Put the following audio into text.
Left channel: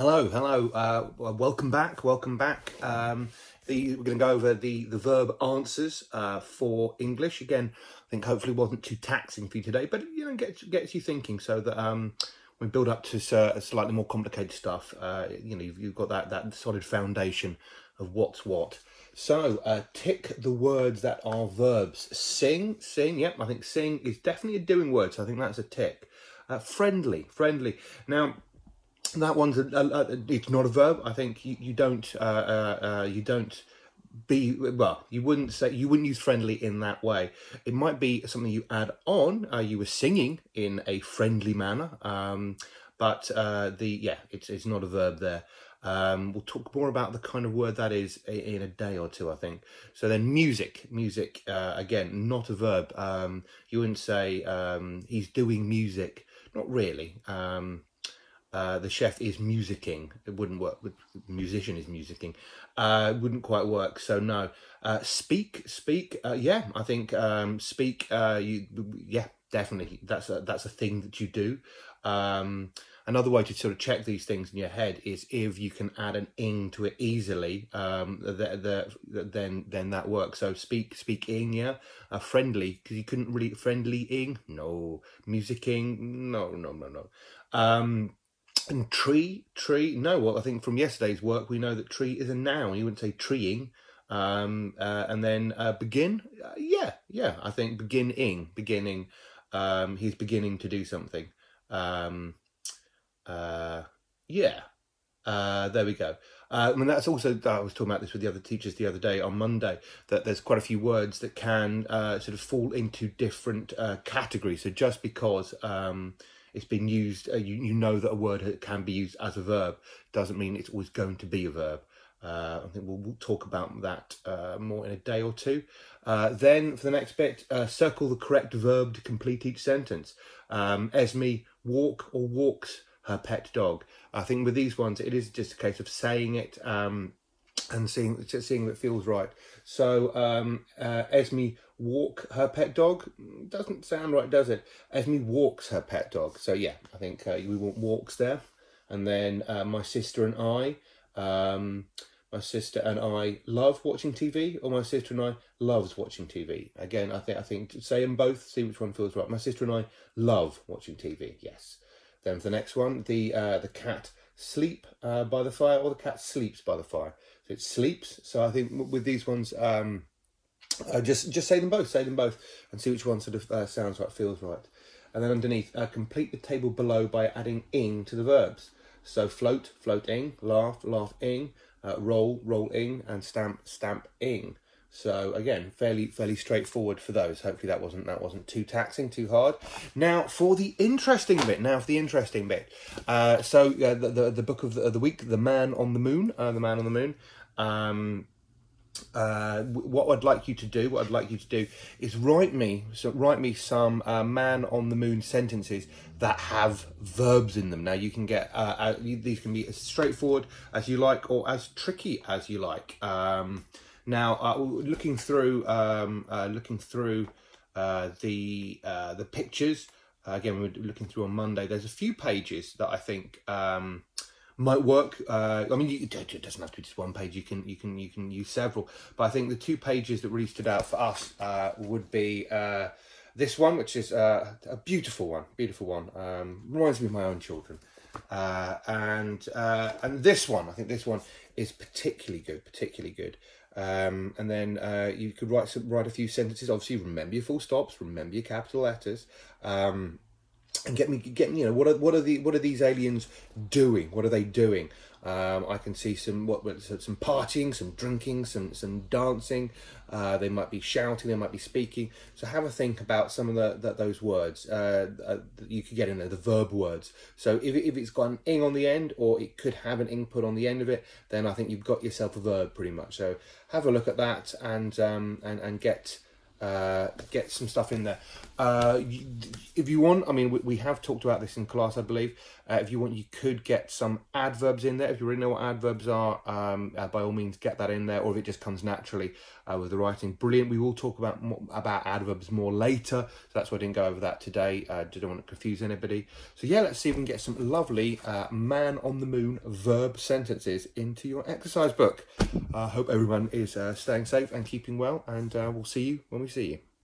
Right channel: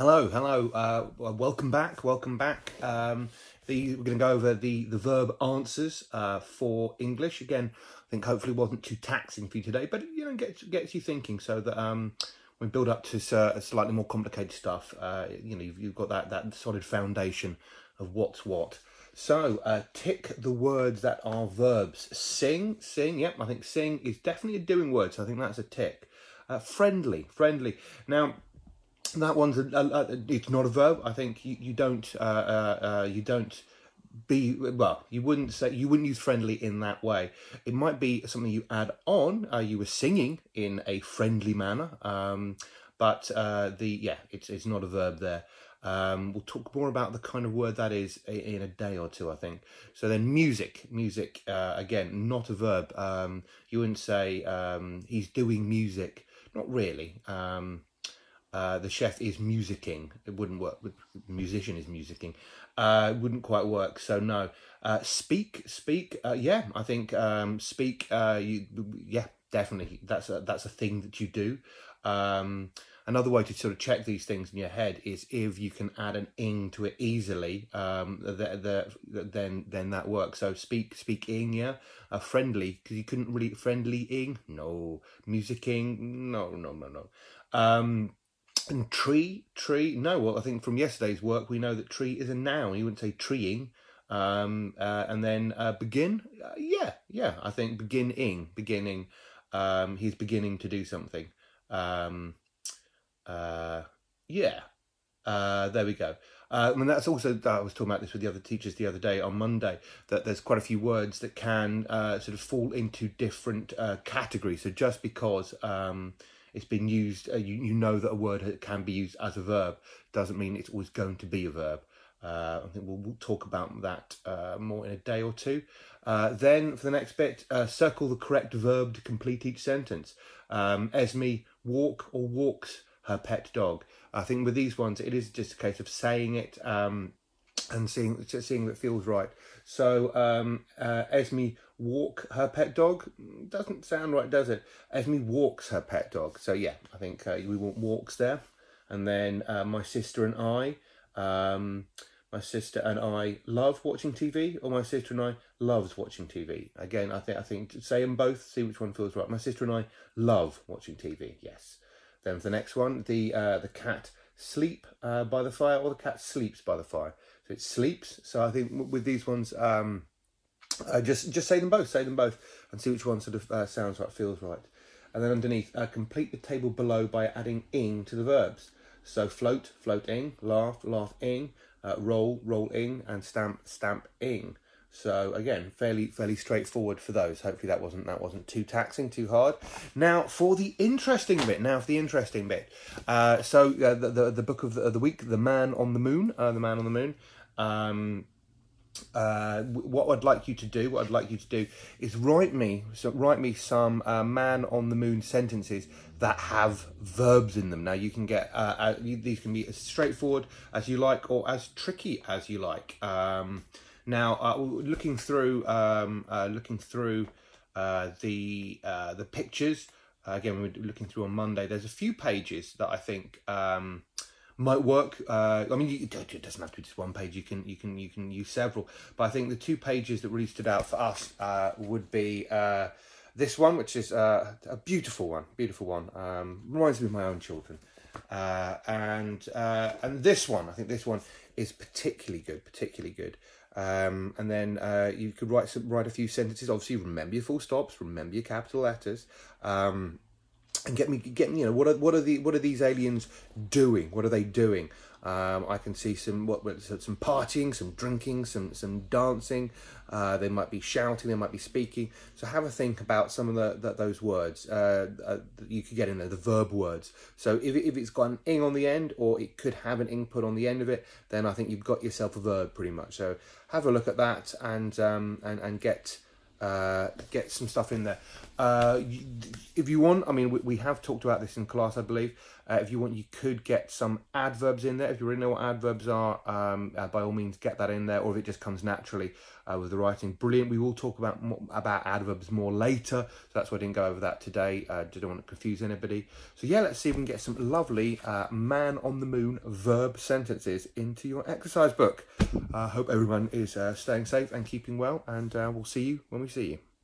Hello. Welcome back. We're going to go over the verb answers for English. Again, I think hopefully wasn't too taxing for you today, but you know, gets you thinking so that when we build up to slightly more complicated stuff, you know, you've got that solid foundation of what's what. So tick the words that are verbs. Sing. Yep, I think sing is definitely a doing word, so I think that's a tick. Friendly. Now, that one's it's not a verb. I think you don't you wouldn't use friendly in that way. It might be something you add on. You were singing in a friendly manner, but it's not a verb there. We'll talk more about the kind of word that is in a day or two, I think. So then music, again, not a verb. You wouldn't say he's doing music. Not really. The chef is musicking. It wouldn't work. Musician is musicking. It wouldn't quite work. So no. Speak. Yeah, I think speak. Yeah, definitely. That's a thing that you do. Another way to sort of check these things in your head is if you can add an ing to it easily. Then that works. So speaking. Yeah. Friendly, because you couldn't really friendly-ing. No. Musicking. No. And tree, no. Well, I think from yesterday's work, we know that tree is a noun. You wouldn't say treeing. And then begin, yeah. I think beginning. He's beginning to do something. There we go. And that's also, I was talking about this with the other teachers the other day on Monday, that there's quite a few words that can sort of fall into different categories. So just because it's been used, you know that a word can be used as a verb, doesn't mean it's always going to be a verb. I think we'll talk about that more in a day or two. Then for the next bit, circle the correct verb to complete each sentence. Esme walk or walks her pet dog. I think with these ones, it is just a case of saying it and seeing if it feels right. So Esme walk her pet dog doesn't sound right, does it? Esme walks her pet dog. So yeah, I think we want walks there. And then my sister and I love watching TV, or my sister and I loves watching TV. Again, I think say them both, see which one feels right. My sister and I love watching TV. Yes. Then for the next one, the cat sleep by the fire, or the cat sleeps by the fire. So it sleeps. So I think with these ones, just say them both, and see which one sort of sounds right, feels right. And then underneath, complete the table below by adding ing to the verbs. So float, floating, laugh, laughing, roll, rolling, and stamp, ing. So again, fairly straightforward for those. Hopefully that wasn't too taxing, too hard. Now for the interesting bit. So the book of the week, The Man on the Moon. What I'd like you to do is write me some man on the moon sentences that have verbs in them. Now you can get these can be as straightforward as you like or as tricky as you like. Now looking through the pictures again, we're looking through on Monday. There's a few pages that I think might work. I mean, it doesn't have to be just one page. You can use several. But I think the two pages that really stood out for us would be this one, which is a beautiful one. Reminds me of my own children. And this one. I think this one is particularly good. And then you could write a few sentences. Obviously, remember your full stops. Remember your capital letters. And get me, you know, what are these aliens doing? What are they doing? I can see some partying, some drinking, some dancing. They might be shouting, they might be speaking. So have a think about some of those words that you could get in there, the verb words. So if it's got an ing on the end, or it could have an ing put on the end of it, then I think you've got yourself a verb pretty much. So have a look at that and get some stuff in there. If you want, I mean, we have talked about this in class, I believe. If you want, you could get some adverbs in there. If you really know what adverbs are, by all means, get that in there. Or if it just comes naturally with the writing, brilliant. We will talk about adverbs more later. So that's why I didn't go over that today. Didn't want to confuse anybody. So yeah, let's see if we can get some lovely man on the moon verb sentences into your exercise book. I hope everyone is staying safe and keeping well. And we'll see you when we see you.